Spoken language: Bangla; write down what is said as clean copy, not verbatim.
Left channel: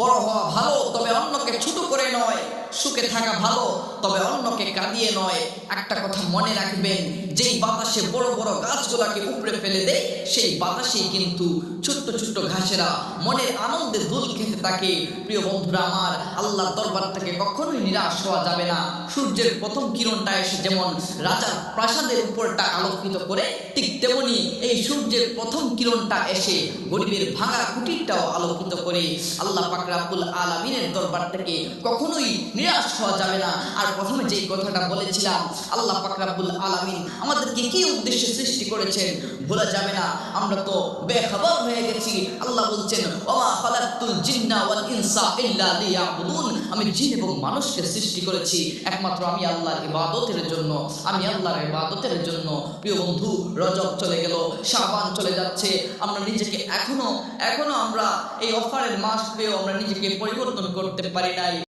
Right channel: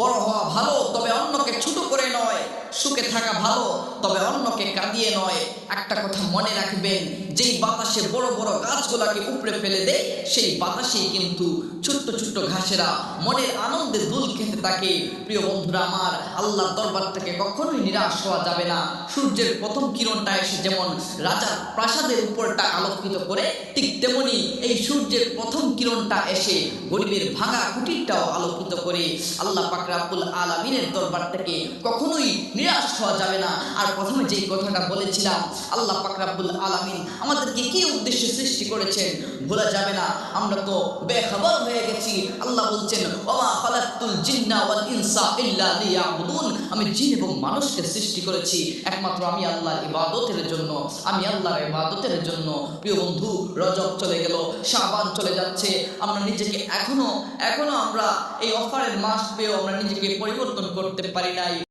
বড় হওয়া ভালো, তবে অন্যকে ছোট করে নয়। সুখে থাকা ভালো, তবে অন্যকে কাঁদিয়ে নয়। একটা কথা মনে রাখবেন, যেই বাতাসে বড় বড় গাছগুলাকে উপড়ে ফেলে দেয়, সেই বাতাসেই কিন্তু ছোট্ট ছোট্ট ঘাসেরা মনের আনন্দে দুল খেতে থাকে। প্রিয় বন্ধুরা আমার, আল্লাহর দরবার থেকে কখনোই নিরাশ হওয়া যাবে না। সূর্যের প্রথম কিরণটা এসে যেমন রাজার প্রাসাদের উপরটা আলোকিত করে, ঠিক তেমনি এই সূর্যের প্রথম কিরণটা এসে গরিবের ভাঙা কুটিরটাও আলোকিত করে। আল্লাহ পাক রব্বুল আলামিনের দরবার থেকে কখনোই নিরাশ হওয়া যাবে না। আর প্রথমে যেই কথাটা বলেছিলাম, আল্লাহ পাক রব্বুল আলামিন আমাদেরকে কি উদ্দেশ্যে সৃষ্টি করেছেন ভোলা যাবে না। আমরা তো বেখবর হয়ে গেছি। আল্লাহ বলছেন, ওমা খালাকতুল জিন্না ওয়াল ইনসা ইল্লা লিয়াবুদুন, আমি জিন এবং মানুষকে সৃষ্টি করেছি একমাত্র আমি আল্লাহর ইবাদতের জন্য, আমি আল্লাহর ইবাদতের জন্য। প্রিয় বন্ধু, রজব চলে গেল, শাবান চলে যাচ্ছে। আমরা নিজেকে এখনো আমরা এই অফারের মাস পেয়েও আমরা নিজেকে পরিবর্তন করতে পারি নাই।